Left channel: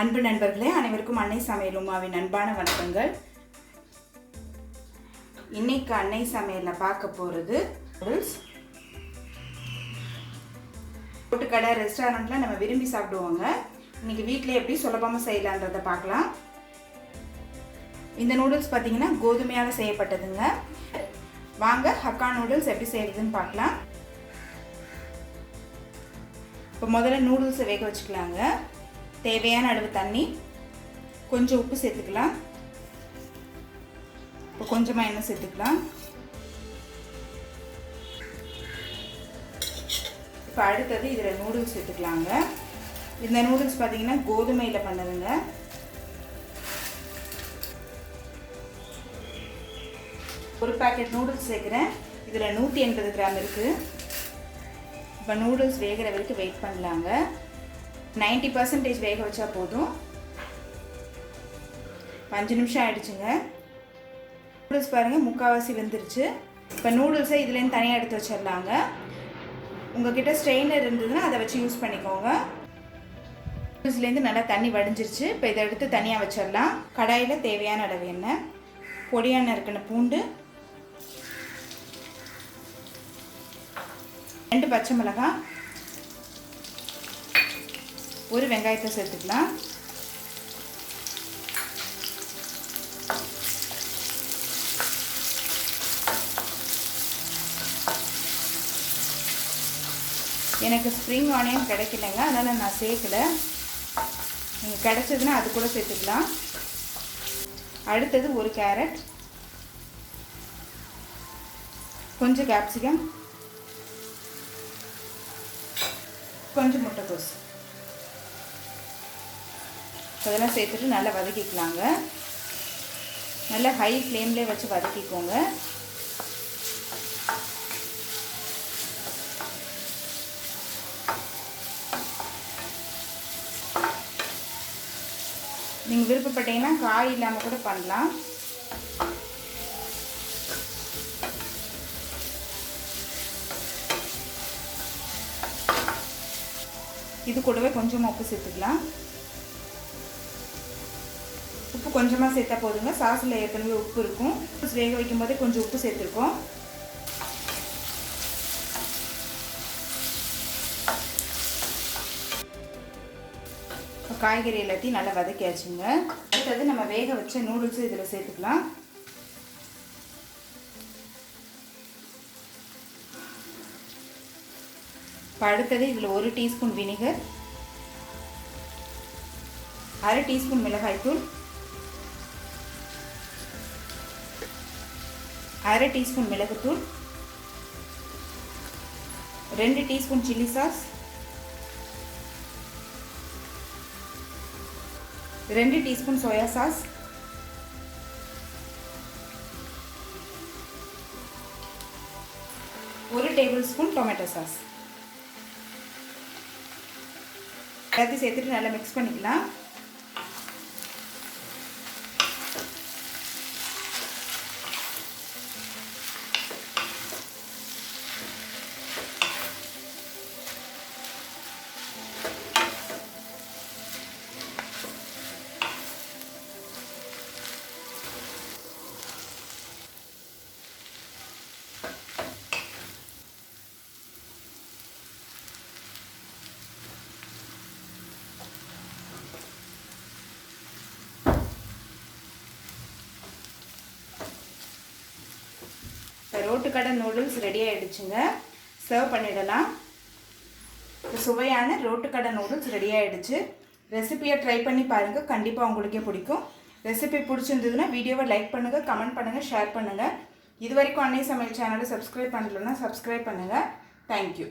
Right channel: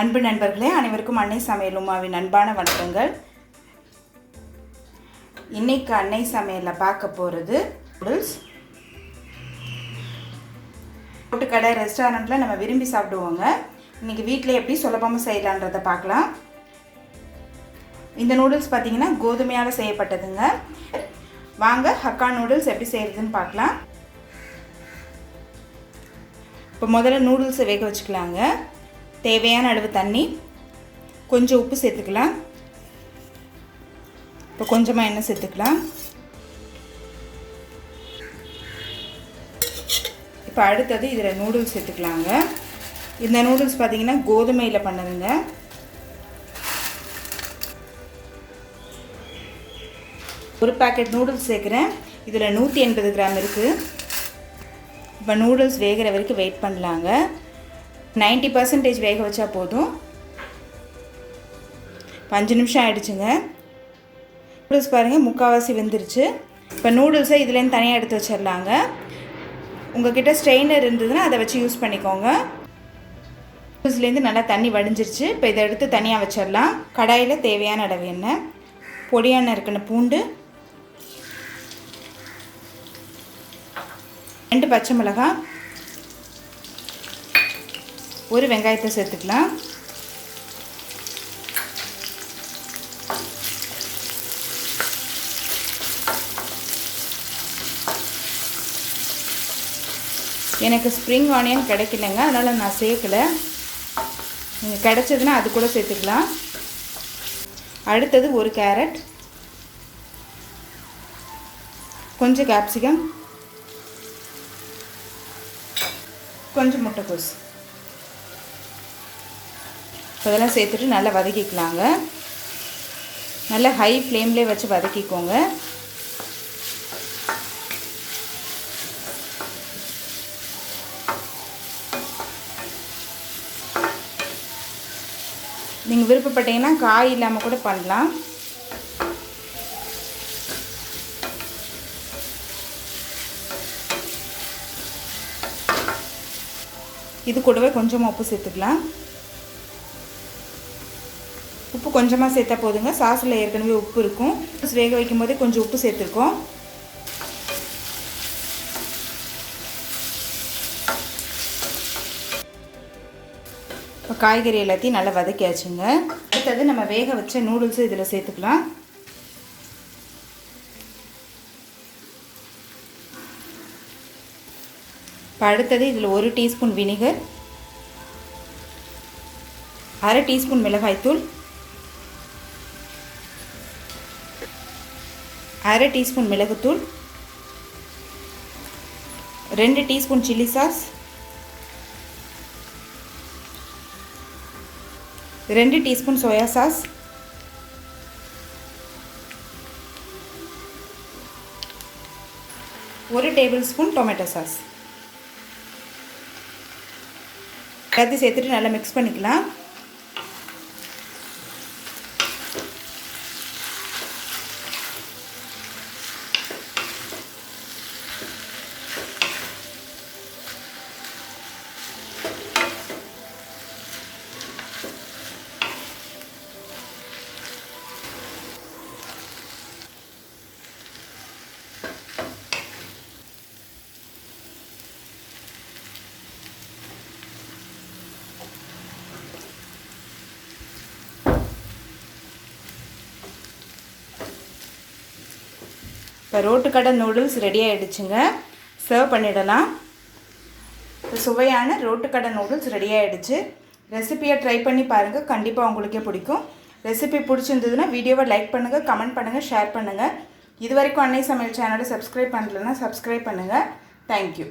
அன்பு நண்பர்களே, அனைவருக்கும் அன்னை சமையல் உமாவின் அன்பான வணக்கங்கள். இன்னைக்கு அன்னை சமையலில் பார்க்க போகிறது நூடுல்ஸ். ரோட்டுக்கடை ரெஸ்டாரண்ட்டில் நம்ம விரும்பி சாப்பிடுவோங்க. இன்றைக்கி வீட்டில் எப்படி சுலபமாக செய்யலான்றதை பார்க்கலாம். இந்த நூடுல்ஸ் பார்த்திங்கன்னா கோதுமையால் செய்யப்பட்டதுங்க. வாங்க ஹக்கா நூடுல்ஸ் எப்படி செய்கிறதுன்னு பார்க்கலாம். இப்போ முதல்ல நூடுல்ஸை வேக வச்சுக்கலாங்க. தேவையான அளவு தண்ணி, கொஞ்சம் உப்பு சேர்த்துக்கலாம். இப்போ கொஞ்சமாக எண்ணெய் சேர்த்துக்கலாம். இப்போ அடுத்தது இதில் நூடுல்ஸ் சேர்த்துக்கலாங்க. இந்த நூடுல்ஸ் பார்த்திங்கன்னா கோதுமையில் பண்ணதுங்க. ஒரு பேக்கெட் நூடுல்ஸ் சேர்க்குறேன். இதில் 180 கிராம் இருக்குது. இப்போ நூடுல்ஸ் வேகிற வரைக்கும் வெயிட் பண்ணலாங்க. 90% வேக வச்சா போதும். 5 நிமிஷம் ஆகிடுச்சுங்க. நூடுல்ஸ் பாருங்கள் முக்கால்வாசி வெந்துருச்சு. இப்போ நூடுல்ஸை இதுலேருந்து தனியாக எடுத்து வச்சிடலாங்க. உங்கள்கிட்ட ஸ்ட்ரெயினர் இருந்ததுன்னா அதை வச்சு யூஸ் பண்ணிக்கோங்க. நூடுல்ஸ்லேருந்து நல்லா தண்ணி வடிஞ்சிருச்சு. இப்போ இதை எடுத்து தனியாக வச்சிடலாம். கடாயில் தேவையான அளவு எண்ணெய், பொடியான இருக்குன்னு பூண்டு, 2 பச்சை மிளகாய், ஒரு வெங்காயத்தை சேர்த்துக்கலாம். எனக்கு ஸ்ப்ரிங் ஆனியன் கிடைக்கலங்க, அதனால் நான் சேர்க்கலை. நீங்கள் கிடைச்சதுன்னா அது கூட சேர்த்துக்கலாம். அடுத்தது ஒரு கேரட், கொஞ்சம் கேப்சிகம், கொஞ்சம் முட்டைக்கோஸ் இதெல்லாம் சேர்த்துட்டு நல்லா வதக்கிக்கலாங்க. நல்லா ஹை ஃப்ளேம்லேயே வச்சு வதக்கிக்கோங்க. நீங்கள் விருப்பப்பட்டீங்கன்னா காய் இல்லாமல் கூட பண்ணலாம். இது கூடவே கொஞ்சமாக உப்பு சேர்த்துக்கலாம். உப்பு கொஞ்சமாக சேர்த்தா போதுங்க. சாஸில் ஏற்கனவே உப்பு இருக்கும். வேக வைக்கும் போதே கொஞ்சம் உப்பு சேர்த்துருக்கோம். இப்போ காய்கறி எல்லாத்தையும் நல்லா வதக்கியாச்சுங்க. அடுத்தது நம்ம வேக வச்ச நூடுல்ஸு இதில் சேர்த்துக்கலாம். இப்போ அடுத்தது இதில் 1 டீஸ்பூன் வினிகர், 1/2 டீஸ்பூன் மிளகாய்த்தூள், 1/2 டீஸ்பூன் மிளகுத்தூள், 2 teaspoon chilli sauce, 2 teaspoon soya sauce, 1 table spoon tomato sauce எல்லாத்தையும் சேர்த்துட்டு நல்லா மிக்ஸ் பண்ணிக்கலாம். இப்போ ரோட்டுக்கடை நூடுல்ஸ் ரெடி ஆகிடுச்சுங்க. சர்வ் பண்ணிடலாம். சுவையான ரோட்டுக்கடை நூடுல்ஸ் ரெடி ஆகிடுச்சு. ரெசிபியை ட்ரை பண்ணி பாருங்கள், கண்டிப்பாக உங்களுக்கே பிடிக்கும். ரெசிபி பிடிச்சிருந்ததுன்னா வீடியோவை லைக் பண்ணுங்கள், கமெண்ட் பண்ணுங்கள், ஷேர் பண்ணுங்கள். இது வரைக்கும் அன்னை சமையல் சேனலை சப்ஸ்கிரைப் பண்ணலைன்னா சப்ஸ்கிரைப் பண்ணுங்கள். தேங்க்யூ.